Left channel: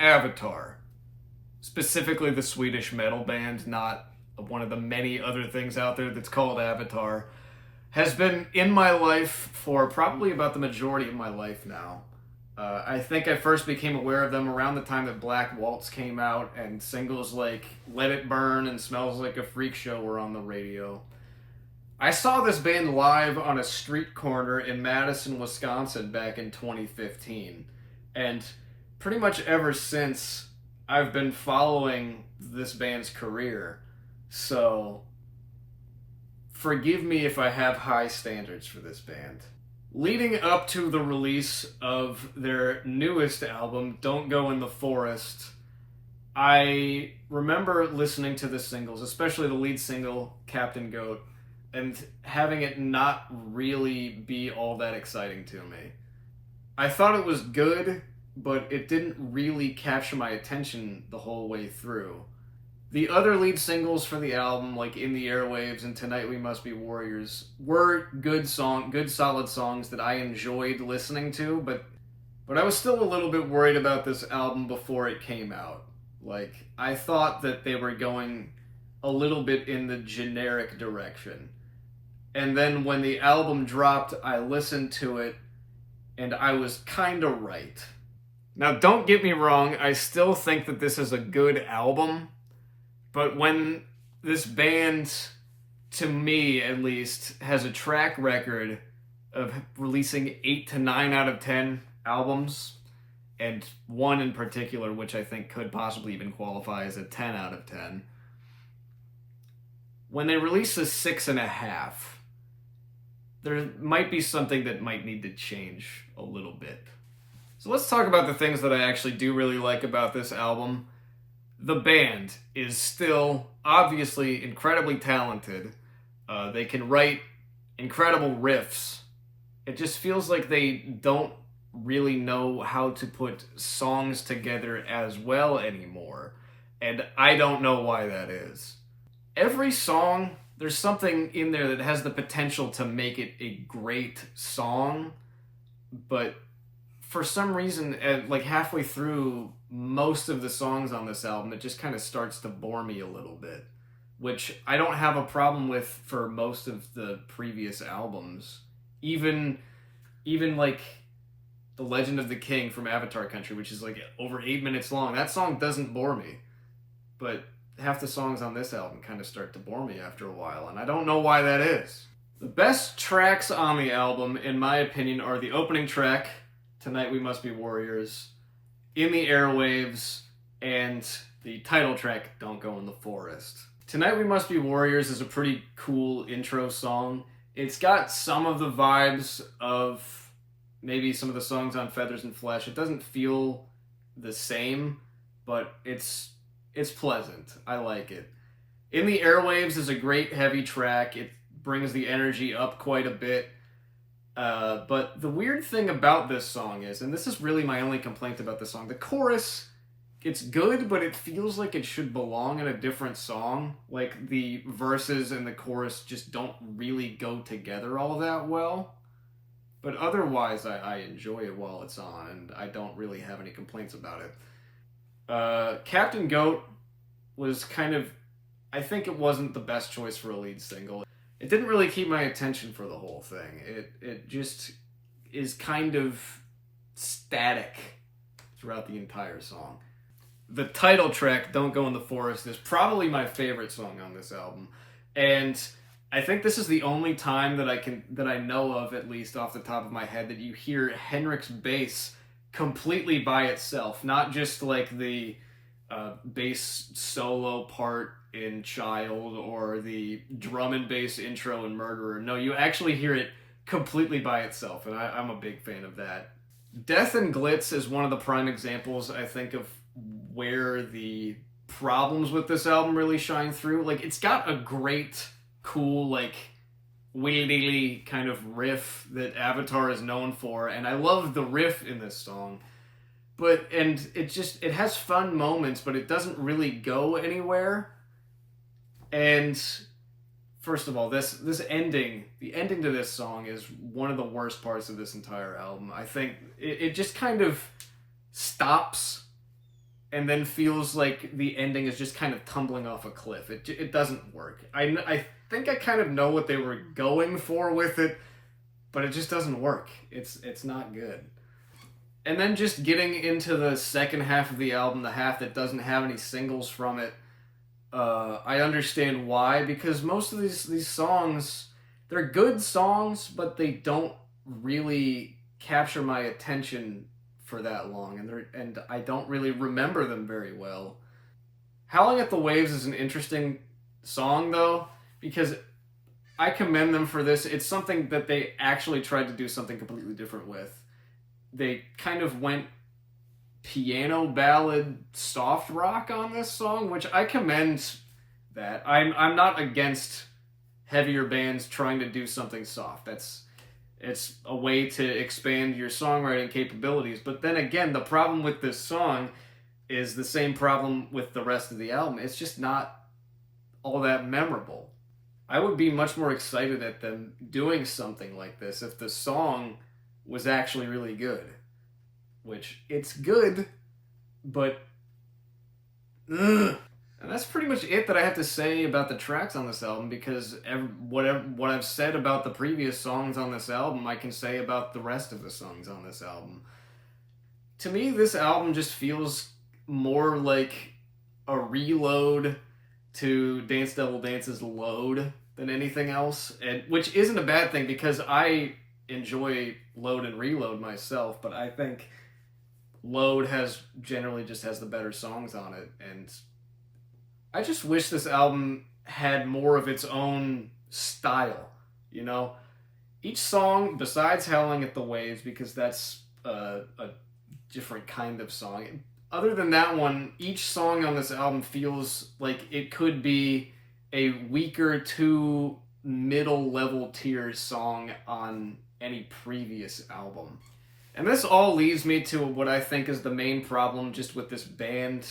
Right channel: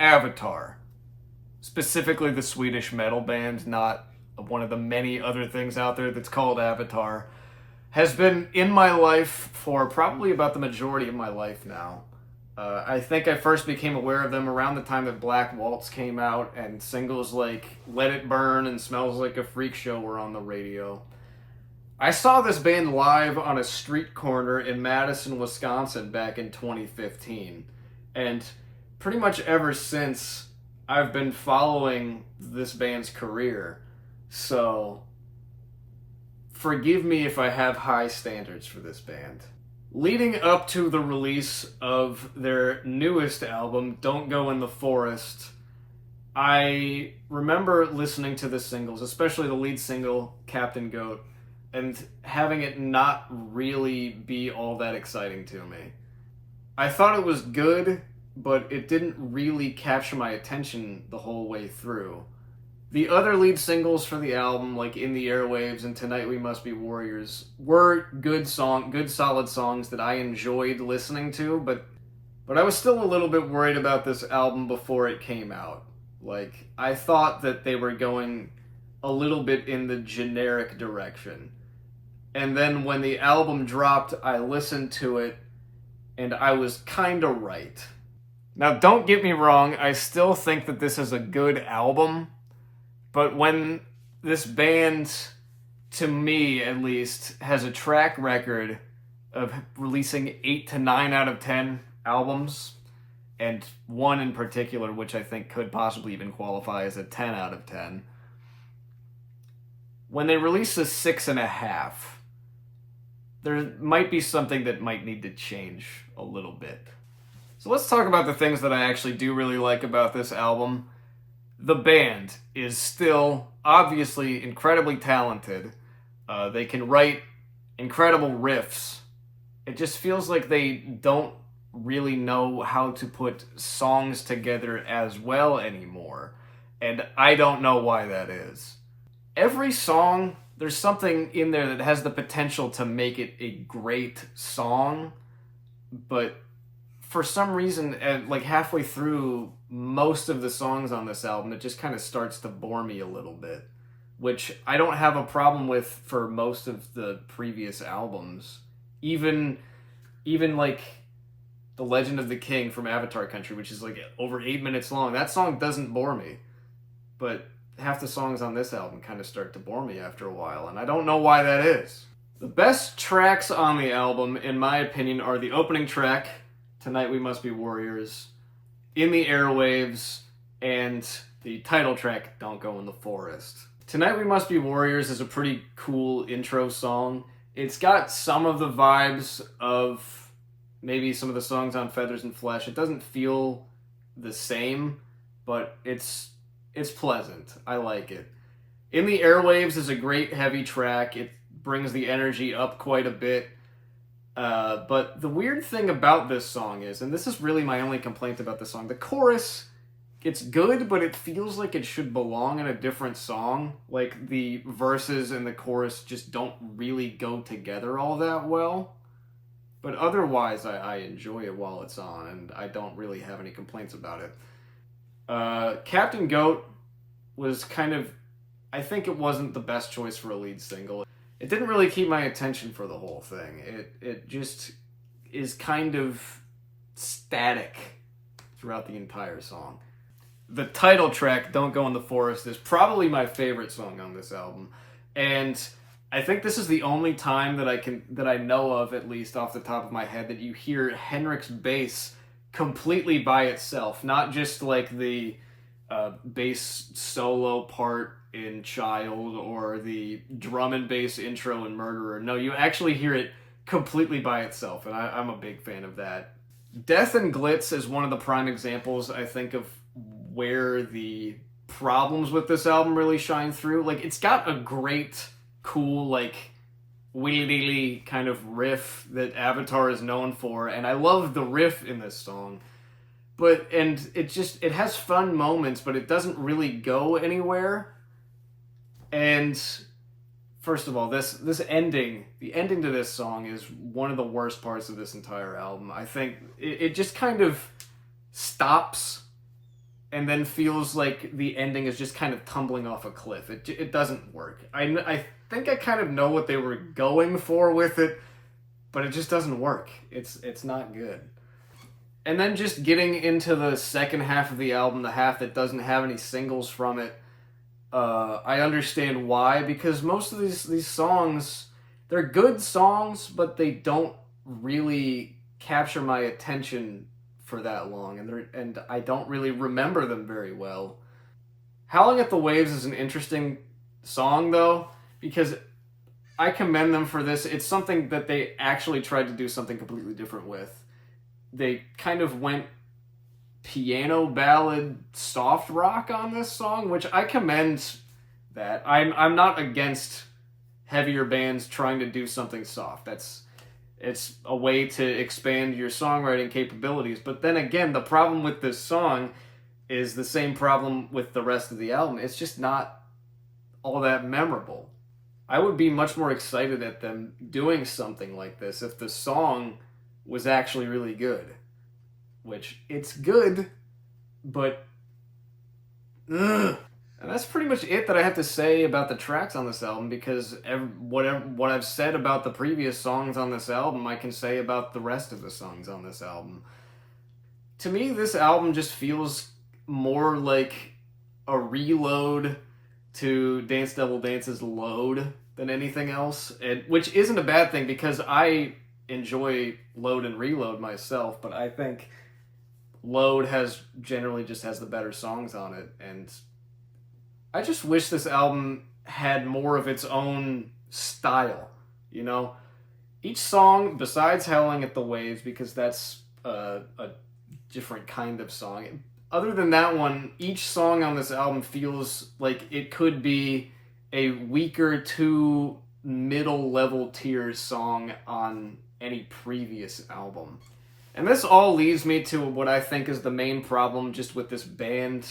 Avatar, specifically the Swedish metal band, not one of the many other things out there that's called Avatar, has been in my life for probably about the majority of my life now. I think I first became aware of them around the time that Black Waltz came out, and singles like Let It Burn and Smells Like a Freak Show were on the radio. I saw this band live on a street corner in Madison, Wisconsin back in 2015. And pretty much ever since, I've been following this band's career. So, forgive me if I have high standards for this band. Leading up to the release of their newest album, Don't Go in the Forest, I remember listening to the singles, especially the lead single, Captain Goat, and having it not really be all that exciting to me. I thought it was good, but it didn't really capture my attention the whole way through. The other lead singles for the album, like In the Airwaves and Tonight We Must Be Warriors, were good solid songs that I enjoyed listening to, but I was still a little bit worried about this album before it came out. Like, I thought that they were going a little bit in the generic direction. And then when the album dropped, I listened to it, and I was kinda right. Now, don't get me wrong, I still think that this is a good album, but when this band, to me at least, has a track record of releasing 8 to 9 out of 10 albums, and one in particular, which I think could possibly even qualify as a 10 out of 10, when they release a 6.5, there might be something that might need to change a little bit. So let's talk about the things that I actually do really like about this album. The band is still obviously incredibly talented. They can write incredible riffs. It just feels like they don't really know how to put songs together as well anymore. And I don't know why that is. Every song, there's something in there that has the potential to make it a great song, but for some reason, like halfway through most of the songs on this album, it just kind of starts to bore me a little bit, which I don't have a problem with for most of the previous albums. Even like The Legend of the King from Avatar Country, which is like over 8 minutes long, that song doesn't bore me. But half the songs on this album kind of start to bore me after a while, and I don't know why that is. The best tracks on the album, in my opinion, are the opening track, Tonight We Must Be Warriors, In the Airwaves, and the title track, Don't Go in the Forest. Tonight We Must Be Warriors is a pretty cool intro song. It's got some of the vibes of maybe some of the songs on Feathers and Flesh. It doesn't feel the same, but it's pleasant. I like it. In the Airwaves is a great heavy track. It brings the energy up quite a bit. But the weird thing about this song is, and this is really my only complaint about this song, the chorus, it's good, but it feels like it should belong in a different song. Like, the verses and the chorus just don't really go together all that well. But otherwise, I enjoy it while it's on, and I don't really have any complaints about it. Captain Goat was kind of, I think it wasn't the best choice for a lead single. It didn't really keep my attention for the whole thing. It just is kind of static throughout the entire song. The title track, Don't Go in the Forest, is probably my favorite song on this album. And I think this is the only time that I know of, at least off the top of my head, that you hear Henrik's bass completely by itself. Not just like the bass solo part in Child or the drum and bass intro in Murderer. No, you actually hear it completely by itself, and I'm a big fan of that. Death and Glitz is one of the prime examples, I think, of where the problems with this album really shine through. Like, it's got a great, cool, like, wheelie kind of riff that Avatar is known for, and I love the riff in this song. And it has fun moments, but it doesn't really go anywhere. And first of all, this ending, the ending to this song is one of the worst parts of this entire album. I think it just kind of stops and then feels like the ending is just kind of tumbling off a cliff. It doesn't work. I think I kind of know what they were going for with it, but it just doesn't work. It's not good. And then just getting into the second half of the album, the half that doesn't have any singles from it, I understand why, because most of these songs, they're good songs, but they don't really capture my attention for that long, and I don't really remember them very well. Howling at the Waves is an interesting song, though, because I commend them for this. It's something that they actually tried to do something completely different with. They kind of went piano ballad soft rock on this song, which I commend that. I'm not against heavier bands trying to do something soft. It's a way to expand your songwriting capabilities. But then again, the problem with this song is the same problem with the rest of the album. It's just not all that memorable. I would be much more excited at them doing something like this if the song was actually really good. Which, it's good, but ugh. And that's pretty much it that I have to say about the tracks on this album, because what I've said about the previous songs on this album, I can say about the rest of the songs on this album. To me, this album just feels more like a reload to Dance Devil Dance's Load than anything else, which isn't a bad thing, because I enjoy Load and Reload myself, but I think Load generally just has the better songs on it, and I just wish this album had more of its own style, you know? Each song, besides Howling at the Waves, because that's a different kind of song, other than that one, each song on this album feels like it could be a weaker to middle level tier song on any previous album. And this all leads me to what I think is the main problem just with this band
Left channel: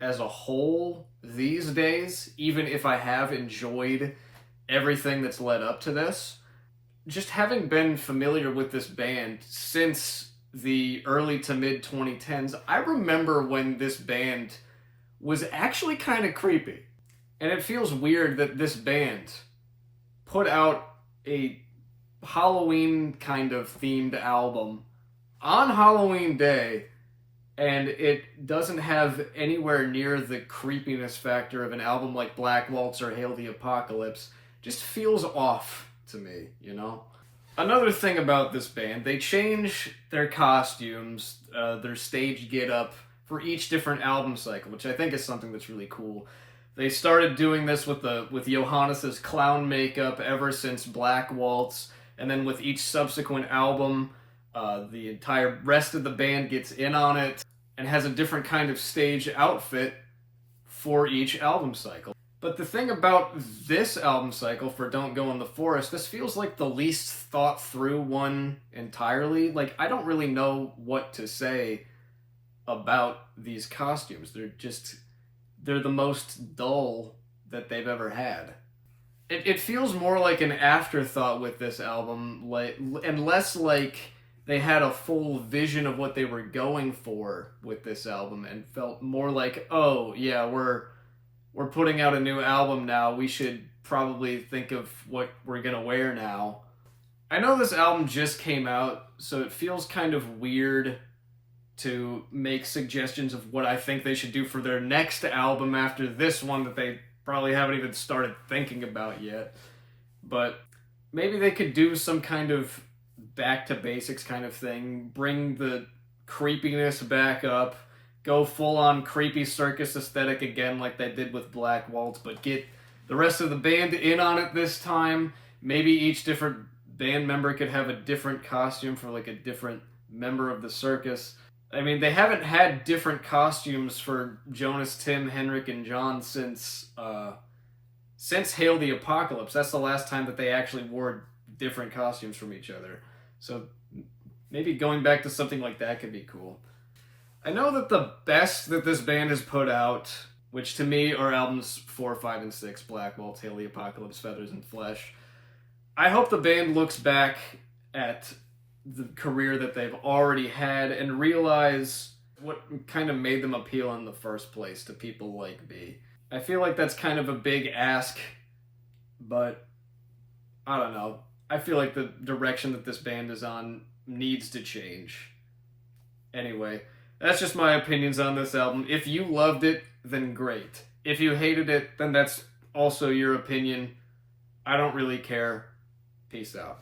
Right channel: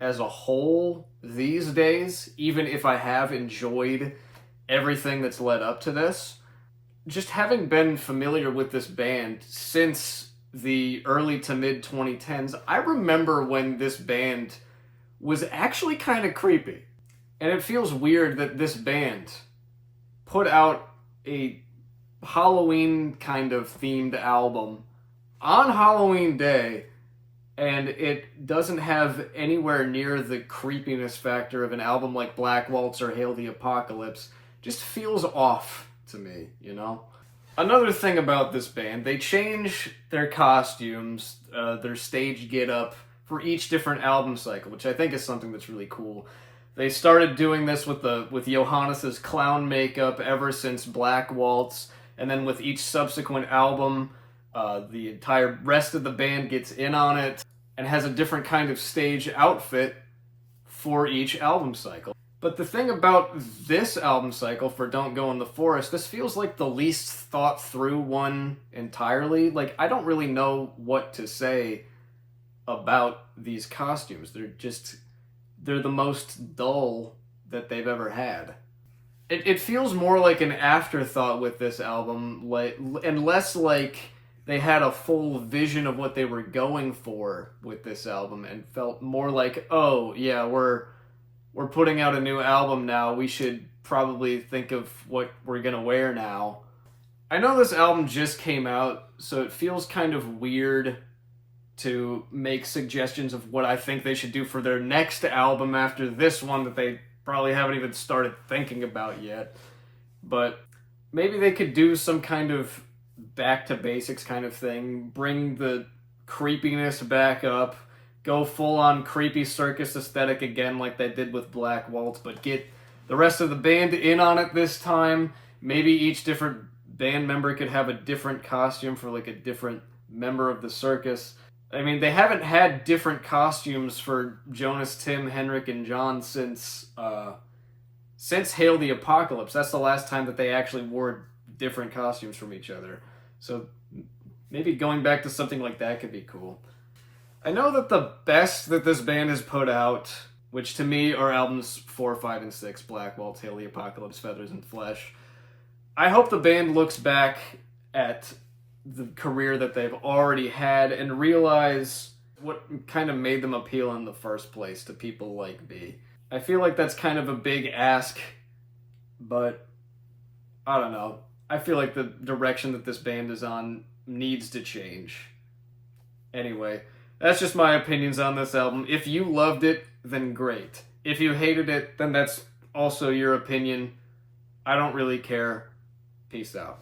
as a whole these days, even if I have enjoyed everything that's led up to this. Just having been familiar with this band since the early to mid 2010s, I remember when this band was actually kind of creepy. And it feels weird that this band put out a Halloween kind of themed album on Halloween Day, and it doesn't have anywhere near the creepiness factor of an album like Black Waltz or Hail the Apocalypse. Just feels off to me, you know? Another thing about this band, they change their costumes, their stage get-up for each different album cycle, which I think is something that's really cool. They started doing this with Johannes's clown makeup ever since Black Waltz, and then with each subsequent album, the entire rest of the band gets in on it and has a different kind of stage outfit for each album cycle. But the thing about this album cycle for Don't Go in the Forest, this feels like the least thought through one entirely. Like, I don't really know what to say about these costumes. They're the most dull that they've ever had. It feels more like an afterthought with this album, and less like they had a full vision of what they were going for with this album, and felt more like, oh yeah, we're putting out a new album now, we should probably think of what we're gonna wear now. I know this album just came out, so it feels kind of weird to make suggestions of what I think they should do for their next album after this one that they probably haven't even started thinking about yet. But maybe they could do some kind of back to basics kind of thing, bring the creepiness back up, go full on creepy circus aesthetic again like they did with Black Waltz, but get the rest of the band in on it this time. Maybe each different band member could have a different costume for like a different member of the circus. I mean, they haven't had different costumes for Jonas, Tim, Henrik, and John since Hail the Apocalypse. That's the last time that they actually wore different costumes from each other. So maybe going back to something like that could be cool. I know that the best that this band has put out, which to me are albums 4, 5, and 6, Black Waltz, Hail the Apocalypse, Feathers and Flesh. I hope the band looks back at the career that they've already had and realize what kind of made them appeal in the first place to people like me. I feel like that's kind of a big ask, but I don't know. I feel like the direction that this band is on needs to change. Anyway, that's just my opinions on this album. If you loved it, then great. If you hated it, then that's also your opinion. I don't really care. Peace out.